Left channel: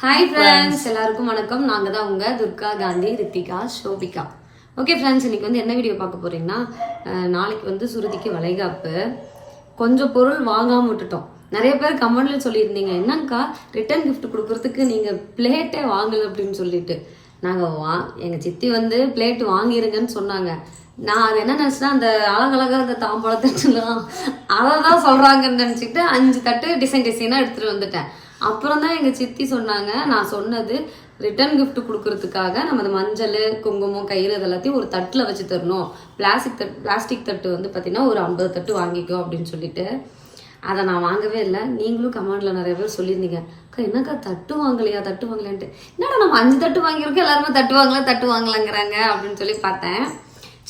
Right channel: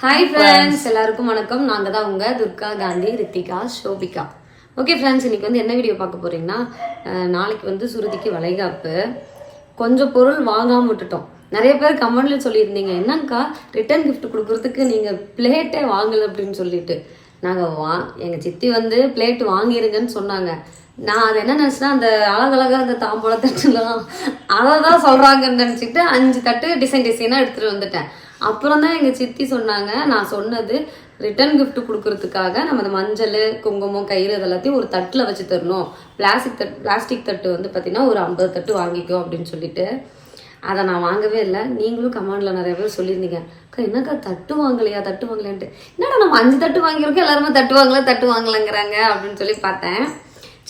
Hi friends எல்லாருக்கும் வணக்கம். நாங்கள் தான் உங்கள் துர்கா காந்தி ரித்திகா ஷோபிகா. ஓகே ஃப்ரெண்ட்ஸ் இன்னைக்கு வந்து என்ன வீடியோ பார்க்க போறீங்கன்னா அஹ், நாளைக்கு வந்து சுருதிக்கு வளைகாப்பு. கொஞ்சம் பொருள் வாங்காம விட்டுட்டோம். நிறைய பேர் கமெண்ட்ல சொல்லியிருந்தீங்க என்னங்கக்கா ரிட்டர்ன் gift கொடுக்கறதுக்கு நீங்கள் பிளேட்டே வாங்கல அப்படின்னு சொல்லிட்டு. நாங்கள் வா எங்கள் சித்தி வந்து பிளேட் வாங்கிருங்கன்னு சொன்னாங்க. நான் அது என்ன நினச்சேன்னா அந்த அழகழகா அந்த தாம்பூல தட்டுலாம் அதை தான் சொல்கிறாங்கன்னு நினச்சிக்கிட்டு அஞ்சு தட்டு டிசைன் டிசைனாக எடுத்துகிட்டு வந்துட்டேன். அப்புறம் தான் எங்கள் சித்தி சொன்னாங்க நான் சொன்னது ரிட்டர்ன் கிஃப்ட் கொடுக்கறதுக்காக நம்ம அந்த மஞ்சள் குங்குமம் கயிறு இதெல்லாத்தையும் ஒரு தட்டில் வச்சு தரணும். பிளாஸ்டிக் தட் பிளாஸ்டிக் தட்டு வந்து பார்த்திங்கன்னா ஒரு ஐம்பது தட்டு வாங்கிக்கோ அப்படின்னு சொல்லிட்டு. அதை நான் வாங்கவே இல்லை. நீங்களும் கமெண்ட்ல நிறைய பேர் சொல்லியிருந்தீங்க. அக்கா என்னக்கா தட்டு வாங்கலையா தட்டு வாங்கலையான்ட்டு. என்னடா நம்ம அஞ்சு தட்டு வாங்கியிருக்கோம் எல்லாருமே தட்டு வாங்கல தட்டு வாங்கலைங்கிறாங்க அப்படின்னு சொல்லி பார்த்தேன்.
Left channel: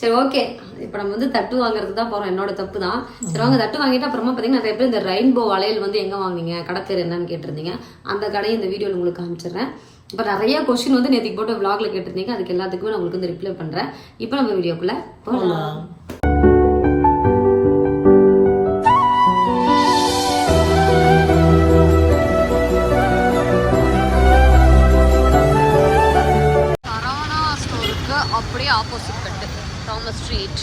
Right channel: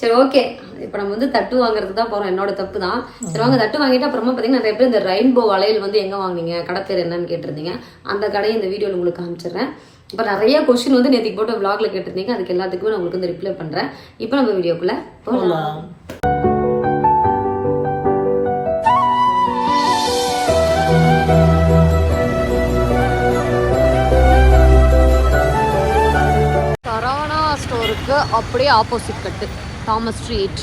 சரி ஓகே இப்போ நம்ம வந்து தட்டு வாங்குறதுக்கு தான் போகிறோம் என்னோட தப்பு தான். சரி வாங்க. தட்டு வாங்கிட்டு அப்புறமா பார்த்தீங்கன்னா நிறைய பேர் இந்த ரெயின்போ வளையல் வந்து எங்கே வாங்குவீங்க கடை பேர் என்னன்னு கேட்டிருந்தீங்க. அந்த கடையை இந்த வீடியோவில் உங்களுக்கு காமிச்சிடுறேன். இப்போ நிறைய கொஸ்டின் வந்து நேற்றுக்கு போட்ட விளாகில் கேட்டிருந்தீங்க. அதுக்கு எல்லாத்துக்குமே நான் உங்களுக்கு வந்து ரிப்ளை பண்ணுறேன் இப்போ நம்ம வீடியோக்குள்ளே போகலாம் சரவணா ஸ்டோருக்கு அப்படியே ஆப்போசிட் கட்டு தாமஸ் ஸ்ட்ரீட்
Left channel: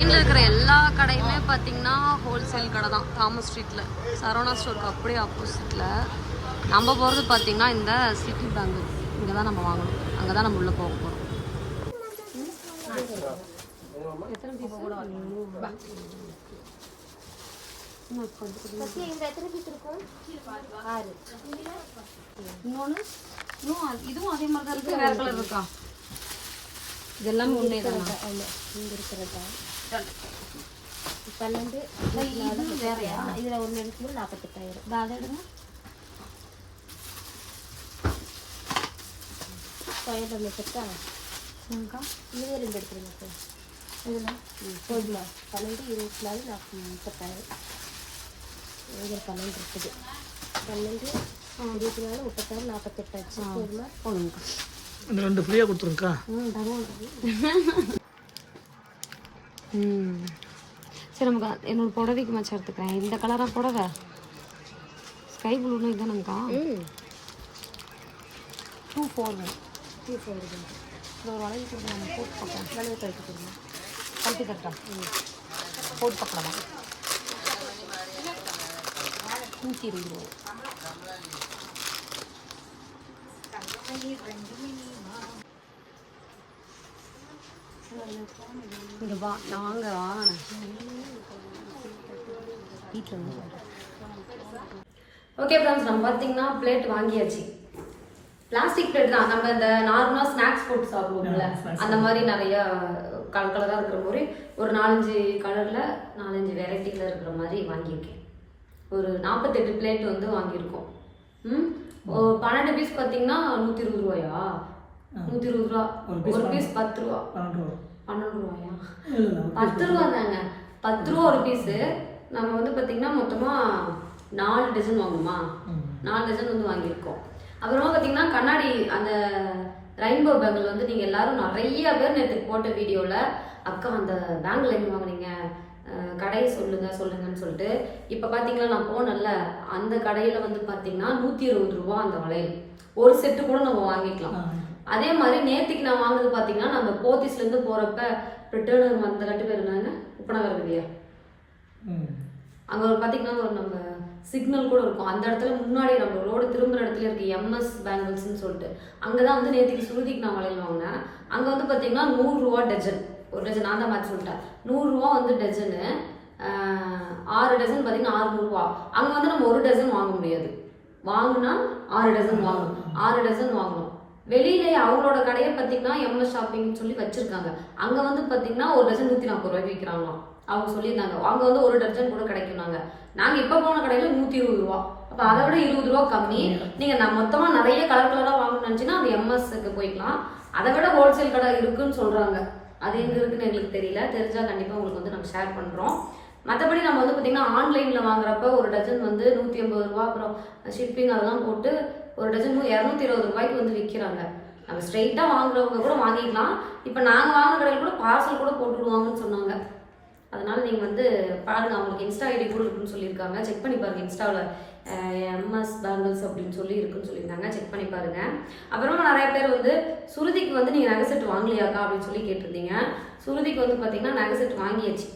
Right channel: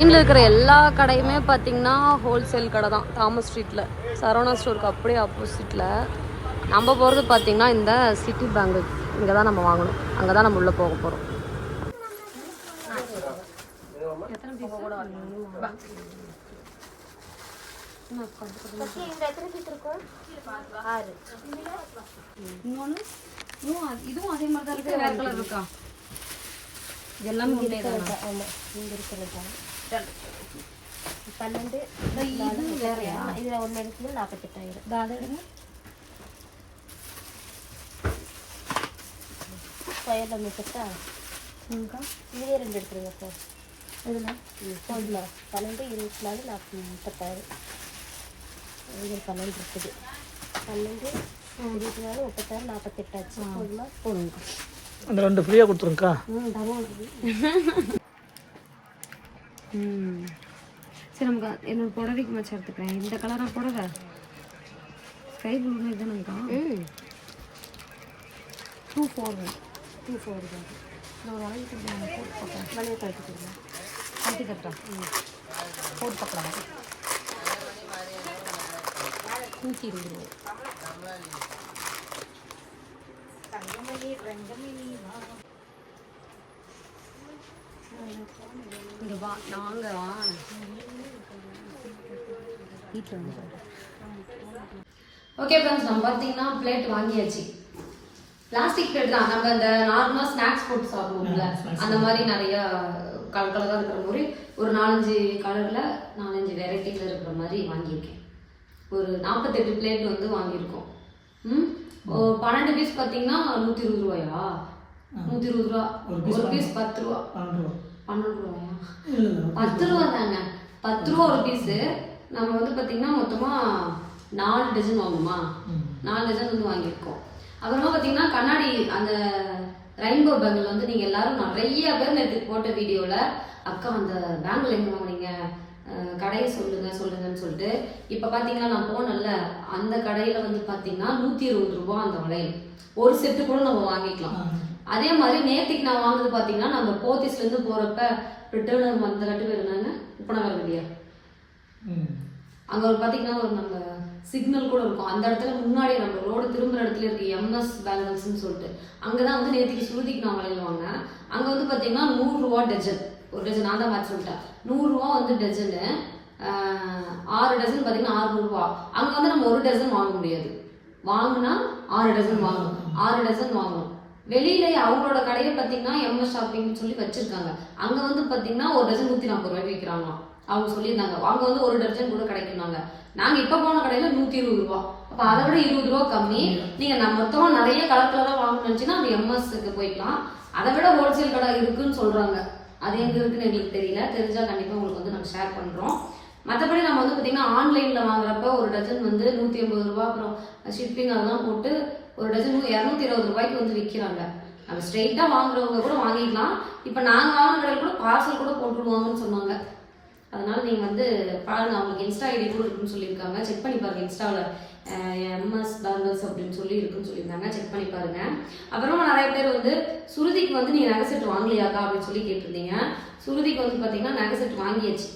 இன்னில் இருக்கிற எல்லா கடையுமே பார்த்தீங்கன்னா ஹோல்சேல் கடை தான் தாமஸ் ஸ்ட்ரீட்டில் சரவணா ஸ்டோருக்கு அப்படியே ஆப்போசிட்டில் நம்ம போகிறது பார்த்தீங்கன்னா இந்த சிட்டி பேங்கு இங்கே தான் நம்ம வாங்கணும். அங்கே தான் நம்ம உள்ளே போக போகிறோம் இன்னொன்று இதுவும் அதே மாதிரி தான் இருக்கு. வேறு கலர் இருக்கா? இது எல்லாமே ஒன்றே தான் பன்னெண்டு இது வேறையா இதுல ஒன்று எடுக்கணும் நாற்பத்தெட்டாயிரம் இதோ அதை எடுங்க ஸ்கொயர் பண்ணிட்டுக்கா உங்கக்கா இதுலேயே ரெண்டு எடுத்துருங்க சார் இதில் போதுமா பன்னெண்டு இருபத்தி நாலு நாற்பது முப்பத்தாயிரம் இதில் பன்னெண்டு இருக்குது பன்னெண்டு இருபத்தி நாலு முப்பத்தாறு நாற்பத்தெட்டாச்சு போதுமா போதுங்கக்கா அந்த ரெண்டு ஃப்ரீயாக கொடுத்துருங்கக்கா. சரி நமக்கு என்னோட புடவைக்கு மச்சம் எடுத்துக்கிறேன். இந்த கலராக புடவை? ஸ்கை ப்ளூன்னு இதுதானுங்கக்கா ம். டூ ஃபோர் டூ ஃபோர் இது இந்த ஒரு வளைவு கொடுங்க நம்ம போட்டு பார்க்கலாம் மணி கழிச்சு கொடுங்க. கட்டி தட்டா? போட்டு பார்க்கலாமா? நூற்றி இருபது ரூபா இங்க வா நாங்க வீட்டில் வந்து ஓகே ஃப்ரெண்ட்ஸ் நம்ம பார்த்தீங்கன்னா பிளேட் வாங்கியாச்சு. பிளாஸ்டிக் பிளேட் தான். நம்ம இந்த நார்மலாக ஸ்நாக்ஸ் போட்டு சாப்பிடுவோம்ல. அந்த மாதிரி நிறைய கலர் கலராக இருக்கிற மாதிரி ஒரு நாலஞ்சு கலரில் நாலஞ்சு வெரைட்டியில் இருக்கிற மாதிரி வாங்கியிருக்கேன். ஒரு நாற்பத்தெட்டு பிளேட் வந்து வாங்கியிருக்கோம். ம்? பன்னெண்டு பீஸ் பார்த்தீங்கன்னா நூற்றி இருபது ரூபாயா? நூற்றி இருபது ரூபா. ஒரு பீஸ் பத்து ரூபா. பன்னெண்டு ரூபாயா? பத்து ரூபா தாங்க பத்து ரூபா ஒரு பீஸு நம்ம வந்து பார்த்தீங்கன்னா மொத்தமாக நாலு டஜன் வாங்கணுமா நாலு டஜன் வந்து வாங்கியிருக்கோம். அப்புறமா பார்த்தீங்கன்னா கண்ணாடி அந்த ரெயின்போ பேங்கிள் வந்து நீங்கள் எல்லாரும் நிறைய பேர் நேற்று போட்ட வீடியோவில் அக்கா அந்த பேங்கிள் எங்கே வாங்குனீங்க? கடையை சொல்லுங்க சொல்லுங்கன்னு சொல்லிட்டு இப்போ பார்த்தீங்கன்னா நான் போனேன்ல அந்த கடையில் வந்து பார்த்தீங்கன்னா நூற்றி இருபது ரூபா அந்த வளையல். ஒரு செட்டு கூட நம்ம வாங்கிக்கலாம். அதே மாதிரி நேத்திக்கு நான் வாங்குனது பார்த்தீங்கன்னா நம்ம போத்தீஸ்லேருந்து போகிறப்ப ரிட்டர்ன் அந்த கட்டு பேர் என்னங்க? உப்பனகர் இல்லையா? அங்கே ஒரு பார்த்தீங்கன்னா ஒரு நம்ம சிக்னல் கூட இருக்கும். அந்த இடத்துல முன்னாடி நம்ம ரோடு திரும்புற இடத்துல இருக்கு எம்எஸ் பேங்கிள்ஸ்னு சொல்லிட்டு அங்கே தான் வந்து நேற்றுக்கு சுருதிக்கு நான் வளையல் வாங்கினேன். அங்கே வந்து பார்த்தீங்கன்னா நூறுரூவா டஜன். ஒரு டஜன் நான் தான் மாற்றி சொல்லிட்டேன். நூறுரூவா வந்து டஜனு ஆறு டஜன் பார்த்தீங்கன்னா ஆறுநூறுவா அங்கே வந்து நம்ம ஒரு டஜன் வாங்க முடியாது. வாங்கினா ஆறு டஜன் வாங்கணும். ஆறு டஜன் வாங்கணும். வெளியில அவங்களோட கடையை பார்த்தீங்கன்னா எம்எஸ் ஷாப்பிங் சொல்லி வச்சிருக்காங்க. அங்கே வந்து பார்த்தீங்கன்னா ஒரு டஜன் நூற்றி நாற்பது ரூபாய்க்கு விற்கிறாங்களாம் அவங்க சொல்லியிருந்தாங்க. அங்கே வந்து ஒரு டஜன் கூட கிடைக்கும்னாங்க. நாங்கள் இப்போ போன கடையில் நூற்றி இருபது ரூபா. அப்போ அதை விட இருபது ரூபா கம்மி. நீங்கள் நான் மொத்தமாக நிறைய கலர் கலராக வாங்கணும்னு நினச்சின்னா அந்த எம்எஸ்க்கு போய்க்கலாம். அதை விட ஹோல்சேல் கடை இருக்குன்னு சொல்கிறாங்க அது எங்கே இருக்குன்னு எங்களுக்கு தெரியல. தெரிஞ்சால் கண்டிப்பாக உங்களுக்கு வந்து நாங்கள் ஷேர் பண்ணுறோம் மற்றபடி நம்ம வந்து பார்த்தீங்கன்னா ஆன்லைனில் வாங்குறப்ப ஒரு டஜன் வந்து நூற்றி ஐம்பது ரூபா அப்புறம் ஷிப்பிங் அதெல்லாம் போட்டு ஒரு டஜன் இரநூத்தி இருபது ரூபாய்க்கு வந்து விற்கிறாங்க நம்ம ஸ்ட்ரெயிட்டாக வாங்குறவங்க கூட வாங்கிக்கலாம் இப்போ நாங்கள் வாங்கின கடையில் கூட பார்சல் கூட போட்டுருவாங்கன்னு சொன்னாங்க. அதனால் நீங்கள் வந்து பாருங்கள் அவங்களுக்கு இன்ஸ்டா ஐடி கூட இருக்குன்னு சொல்லியிருக்காங்க. செக் பண்ணி பாருங்கள் இன்ஸ்டாவில் எம்எஸ் பேங்கிள்ஸ் அப்படின்னு சொல்லி இருக்குன்னு சொல்லியிருந்தாங்க. செக் பண்ணி பாருங்க. அப்புறமா நிறைய பேர் வந்து சுருதிக்கு வந்து நீங்கள் நகை செட் வாங்கலையாக்கா அப்படின்னு சொல்லி கேட்டிருந்தீங்க. சுருதிக்கு வந்து பார்த்தீங்கன்னா நகை செட் வாங்கியாச்சு.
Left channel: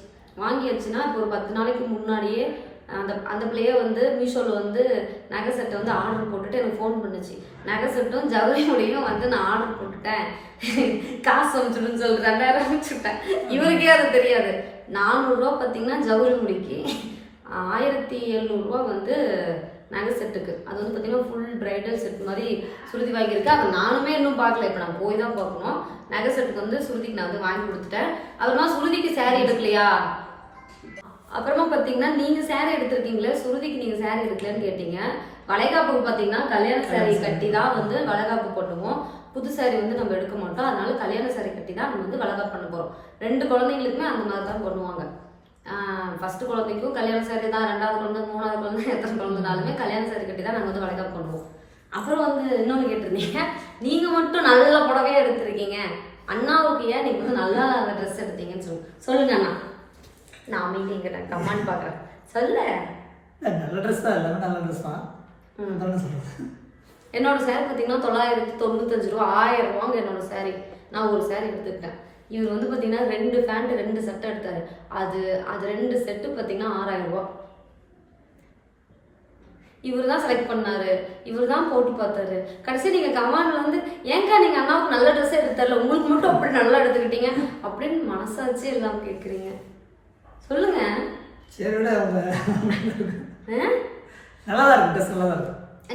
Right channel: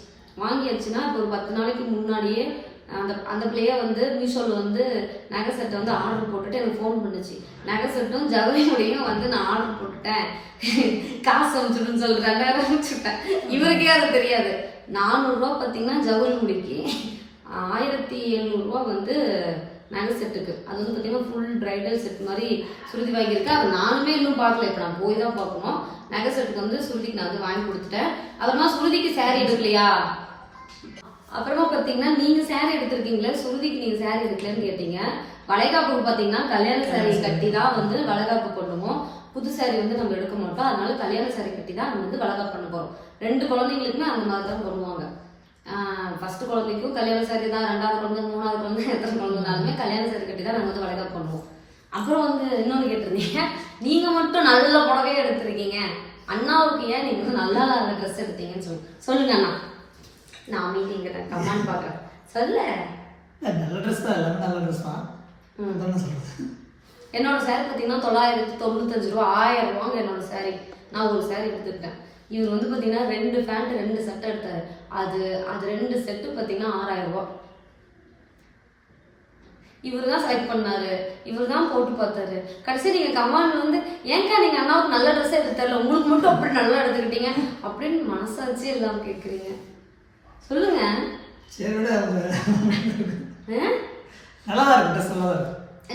வாங்கியாச்சுன்னா இப்போ ஒரு பத்து நாளைக்கு முன்னாடியே அந்த அந்த பிள்ளைய வந்து மீஷோவில் வந்து நகை செட்டை வந்து ஆர்டர் போட்டுட்டு எனக்கு ஃபோன் பண்ணுச்சு. நகை செட்டும் ஜவுளியோடையும் வந்து நான் ஆர்டர் போட்டுட்டேன். காசு அமைச்சிடுன்னு சொல்கிறேன் வேற அமைச்சுட்டேன். இவருக்கே அது தெரியாது. நானூறுரூவா பார்த்தீங்கன்னா ஜவுளி முடிக்கு. ஆயிரத்தி எழுநூறுவா வந்து நகை செட்டுக்கு. அது வந்து பார்த்தீங்கன்னா ஃபுல் பிரைடல் செட் மாதிரி சுருதி வாங்கியிருக்கு. அது நானுமே இன்னும் பார்க்கல. இப்போ நான் போய் தான் பார்க்கணும். நகை செட்டுக்கு வந்து சுருதிக்கு நான் வந்து வாங்கி கொடுத்துட்டேன். அப்புறமா சுருதிக்கு saree எடுக்கலையா? அப்புறமா பார்த்தீங்கன்னா நீங்கள் saree எடுத்திருக்கீங்களே? சுருதிக்கு நீங்கள் saree எடுக்கலன்னு கேட்டீங்க. வளைகாப்புக்கு பார்த்தீங்கன்னா கல்யாண saree கட்டி தான் வந்து வளைகாப்பு பண்ணுவோம். புது saree வந்து நம்ம எடுக்க மாட்டோம். அதனால கல்யாண saree கட்டி தான் நம்ம வந்து வளைகாப்பு பண்ண போகிறோம் ரெண்டு குழந்தைங்களுக்குமே அந்த மாதிரி தான் பண்ணுவாங்க. ஃபர்ஸ்ட் குழந்தைக்கும் கல்யாண saree தான் ரெண்டாவது குழந்தை மூணாவது குழந்தை எத்தனை குழந்தைனாலுமே கல்யாண saree கட்டி தான் நாங்கள் வந்து வளைகாப்பு பண்ணுவோம். அப்புறம் வந்து இன்னொன்று கேட்டிருந்தீங்க நீங்கள் மட்டும் நல்ல புடவையே எடுத்திருக்கீங்க. அண்ணாவுக்கு ஏன் நீங்கள் வந்து நல்லா இல்லாத ட்ரெஸ் எடுத்தீங்கன்னு சொல்லுங்க. சொல்லுங்க அண்ணா. நான் அமைதிங்க நான் கமெண்ட் பார்க்குறேன் சொல்ல. நல்ல ட்ரெஸ் தான் எல்லாமே நல்ல ட்ரெஸ் தான். என்னோட saree பார்த்தீங்கன்னா தொள்ளாயிரத்தி தொண்ணூத்தஞ்சு ரூபா ஆயிரம் ரூபாங்க என்னோட saree. நான் ஒரு saree எடுத்துக்கிட்டேன். இவர் வந்து பார்த்தீங்கன்னா ரெண்டு பேண்ட் ரெண்டு செட் எடுத்தாரு. அது அது ரெண்டு செட்டு பார்த்தீங்கன்னா ஆறாயிரம் ரூபா இவர் தான் செலக்ட் பண்ணாரு. இவர் தான் போட்டு பார்த்தாரு. கடைசி நீங்க கமாண்ட்ல வந்து ஏங்கா நீங்க அண்ணாவுக்கு நல்ல ட்ரெஸ் எடுத்து தரல? உங்களுக்கு மட்டும் அப்படி நல்லா எடுத்துக்கிட்டீங்க? அப்படின்னு மனசாச்சு எல்லாம் கேக்குறீங்க. சொல்லுங்க. சரி? நல்லா தான் இருக்கு ட்ரெஸ் நல்லா தான்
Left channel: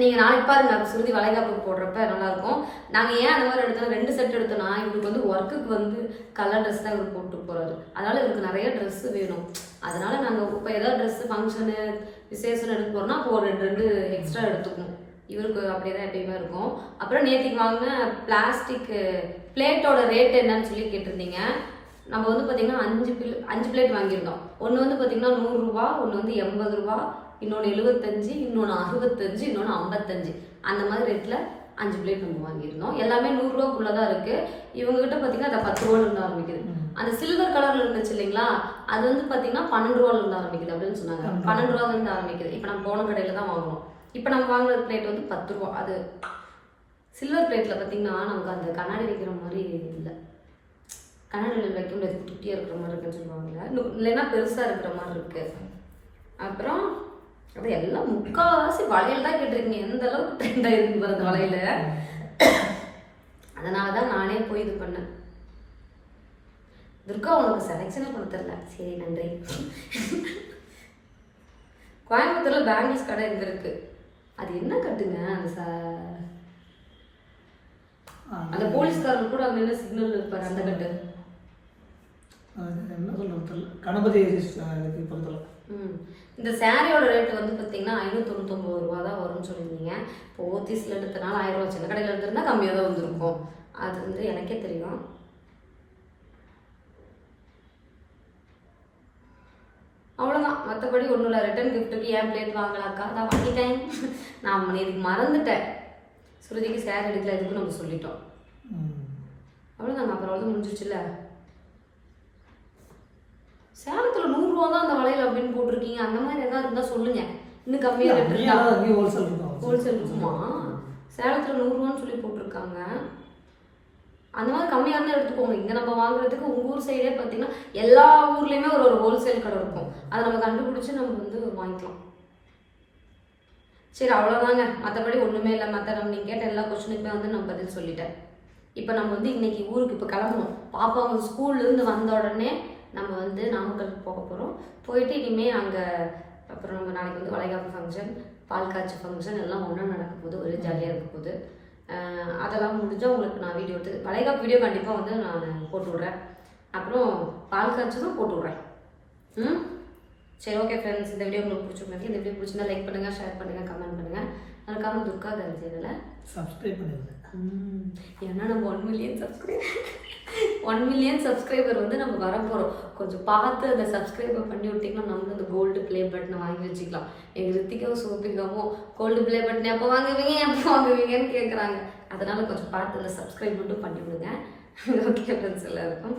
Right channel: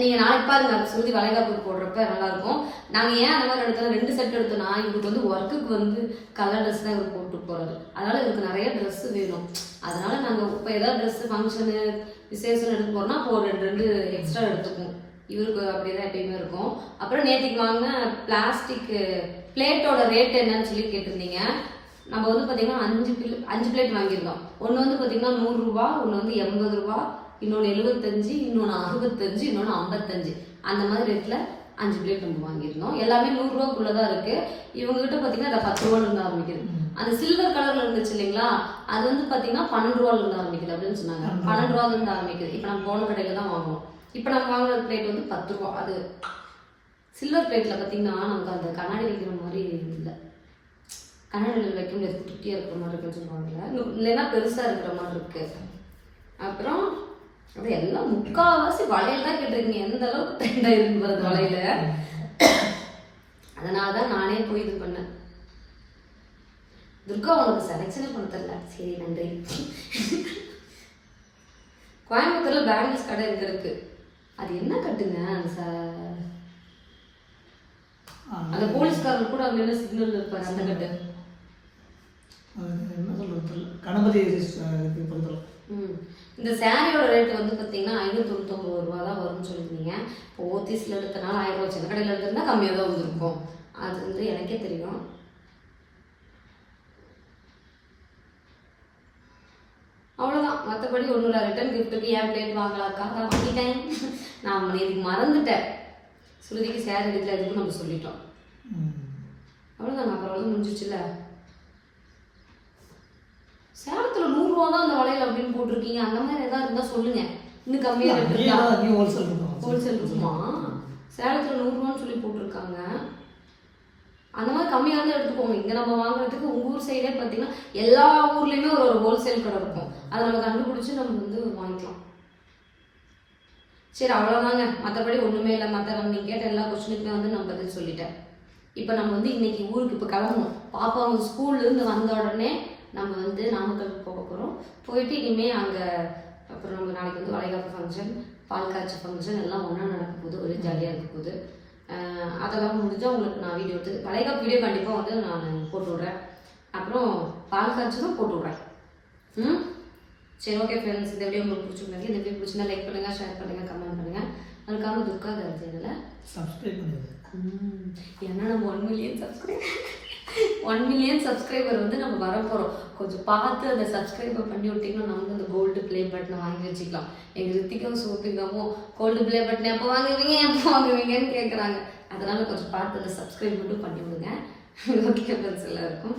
நீங்கள் நாளைக்கு பாருங்க அது சுருதி வளைகாப்பு போடுறப்ப நல்லாயிருக்கும். நாங்கள் ஏன் அந்த மாதிரி எடுத்தோம் ரெண்டு செட் எடுத்தோம்னா இவருக்கு வந்து ஒர்க்குக்கு வந்து கலர் ட்ரெஸ் தான் இவர் போட்டு போகிறாரு அதனால் இவருக்கு நிறைய ட்ரெஸ் வேணும். அதனால் நாங்கள் இப்போ ஏதாவது ட்ரெஸ்ஸு ஃபங்க்ஷனு விசேஷம் எடுக்க போகிறோம்னா அப்போ ஒரு ரெண்டு ரெண்டு எக்ஸ்ட்ரா எடுத்துக்கும் இவருக்கு அப்படியே தான் எப்பயுமே இருக்கும். அப்புறம் நேற்றுக்கு வாங்கின பிளாஸ்டிக் பிளேட்டோட ரேட் என்னன்னு சொல்லி கேட்டிருந்தீங்க. நம்ம வந்து பார்த்தீங்கன்னா அஞ்சு பில் அஞ்சு பிளேட் வாங்கியிருந்தோம். ஒன்று வந்து பார்த்தீங்கன்னா நூறுரூவா ஒன்று வந்து எண்பது ரூபா இன்னொன்று எழுபத்தஞ்சு இன்னொன்று அறுபத்தஞ்சு இன்னொன்று ஐம்பத்தஞ்சு. அந்த மாதிரி ரேட்டில் அஞ்சு பிளேட் நம்ம வாங்கியிருந்தோம். எல்லாமே நூறுரூவாக்குள்ளே தான் இருக்குது இவங்ககிட்ட பார்த்தீங்கன்னா அந்த பத்து ரூபால இருந்து ஆரம்பிக்குது. அந்த சில்வர் கலரில் இருந்துச்சு இல்லைங்களா? அது வந்து பார்த்தீங்கன்னா பன்னெண்டு ரூபால இருந்து ஆரம்பிக்குது அப்படின்னு சொன்னாங்க. பன்னெண்டு ரூபால இருந்து ஆரம்பிக்குது. இப்போ நம்ம போன கடையில் தான் வாங்கணும் இப்போ நம்ம வாங்குற பிளேட் வந்து பத்து ரூபா. அது சில்வர் பிளேட்டில் பார்த்தீங்கன்னா நமக்கு அந்த கண்ணாடி வைக்கிற மாதிரி இல்லை. கண்ணாடியில் வைக்க முடியாது குட்டியாக இருக்கிற மாதிரி இருக்குன்னு சொல்லுவாங்கல்ல? இன்னும் இல்லைன்னா பெருசாக இருக்கிற மாதிரி இருக்கு. அப்புறம் அது எல்லாம் முக்கால்வாசி வளையல் தான் கேட்டிருக்கீங்க. எந்த அளவுக்கு ட்ரெண்ட் ஆயிருக்கு பாருங்க வளையல அதனால தான் நானே போய் இது பண்ணேன். துர்கா உனக்கு செலெக்ஷனே பண்ண தெரியல சரி நன்றி. கோயம்புத்தூர்ல பேங்கிள்ஸ் கடை இங்க இருக்கு? அது என்ன கட்டுங்க? அந்த ச- அந்த போலீஸ்காரர் கூட அங்க நின்று சிக்னல் இருப்பாரு அந்த கட்டு? என்ன சொல்றது கணபதி ம். இந்த சாரியோட ரேட் வந்து பார்த்தீங்கன்னா ஐநூற்றி தொண்ணூத்தொம்பது ரூபா தான் வரும்னு சொல்லியிருந்தீங்க. இப்போ ஓத்திஸில் எடுத்தனால ஆயிரம் ரூபா சின்ன கடையில் எடுத்திருந்தா கம்மியாக தான் வந்திருக்கும். அது வந்து எனக்கே தெரியும். அவ்வளோதான் மற்றபடி ஒன்றும் இல்லை. ரிட்டர்ன் கிஃப்ட்டுக்கு ஏன் பிளேட் வாங்கலாக்கா? நான் வாங்கிட்டேன். நான் இதுக்கு மறந்துட்டேன். ஸ்ருதிக்கு சேர் எடுக்கல எதுக்கும் நம்ம சொல்லிட்டோம். அவ்வளோதாங்க அப்புறம் வந்து முடிஞ்சிச்சுல நூறுரூவா தான் அந்த வளையல் அப்படின்னு போட்டிருக்கீங்க. அந்த மாதிரி எதாவது இருந்தால் சொல்லுங்க. இன்னும் கம்மியாக ரேட் இருக்கும்? ஹோல்சேல் இருக்குமா சேலத்தில் நூறுரூவான்னு சொல்லி போட்டிருக்காங்க. அந்த மாதிரி கம்மியாக இருந்தால் எடுத்துக்கோங்க. இங்கே நம்ம வாங்குறதுக்கு உங்கள் ஊர் சைடே பார்த்தீங்கன்னா எல்லா ஊர்லேயுமே ஒரு ஒரு ஹோல்சேல் கடை இருக்கும். அதை நம்ம கண்டுபிடிச்சி நம்ம வந்து வாங்கிக்கலாம். சரி அவ்வளோதாங்க மற்றபடி ஒன்றுமே இல்லை. மற்ற நம்ம நீங்கள் கேட்ட எல்லா கொஸ்டினுக்குமே வந்து நான் பதில் சொல்லிட்டேன். இப்போ நம்ம வந்து இன்னைக்கு ஊருக்கு இப்போ கிளம்பணும். பாப்பா அவங்க ஸ்கூல்லேருந்து வந்த உடனே நம்ம வந்து நாமக்கலுக்கு போக போகிறோம் போயிட்டு இனிமேல் அங்கே அப்புறம் நம்ம நாளைக்கு வந்து வளைகாப்பு ஃபங்க்ஷன் பால் காய்ச்சி ஃபங்க்ஷன் எல்லாம் ஒன்றா நடக்க போகுது. ஒரே ஜாலியாக இருக்க போகுது. அதெல்லாம் முடிஞ்சால் உங்களுக்கு நான் வீடியோ எடுத்து வளைகாப்பு வீடியோ கண்டிப்பாக வந்து நான் போட்டு விட்றேன். அப்புறம் பால் காய்ச்சதும் போட்டு விட்றேன். ம்? சரி ஓகே ஃப்ரெண்ட்ஸ் இந்த வீடியோ உங்களுக்கு பிடிச்சிருந்தாங்க இந்த வீடியோ பிடிச்சிருந்தா லைக் பண்ணுங்கள் ஷேர் பண்ணுங்கள் கமெண்ட் பண்ணுங்கள் அதுக்காக துர்கா தன் சேனலை சப்ஸ்கிரைப் பண்ணுங்கள் ஏன்னா நம்ம one million subscriber one million subscriber வந்து நம்ம வர போகிறோம் கொஞ்சம் பார்த்து அந்த சப்ஸ்கிரைபர் பண்ணி விட்டிங்கன்னா நம்ம அந்த கோல்டு ப்ளே பட்டனை வாங்கி வச்சுக்கலாம். எங்கள் ரித்திக்கும் சோபிகாவும் கோல்டு ப்ளே பட்டன் எப்போ வாங்குவீங்க? எப்போ வாங்குவீங்கன்னு கேட்குறாங்க அதனால கொஞ்சம் பார்த்து அந்த சப்ஸ்கிரைப் மட்டும் பண்ணி விடுங்க ஓகே ஃப்ரெண்ட்ஸ் எல்லாருக்கும்.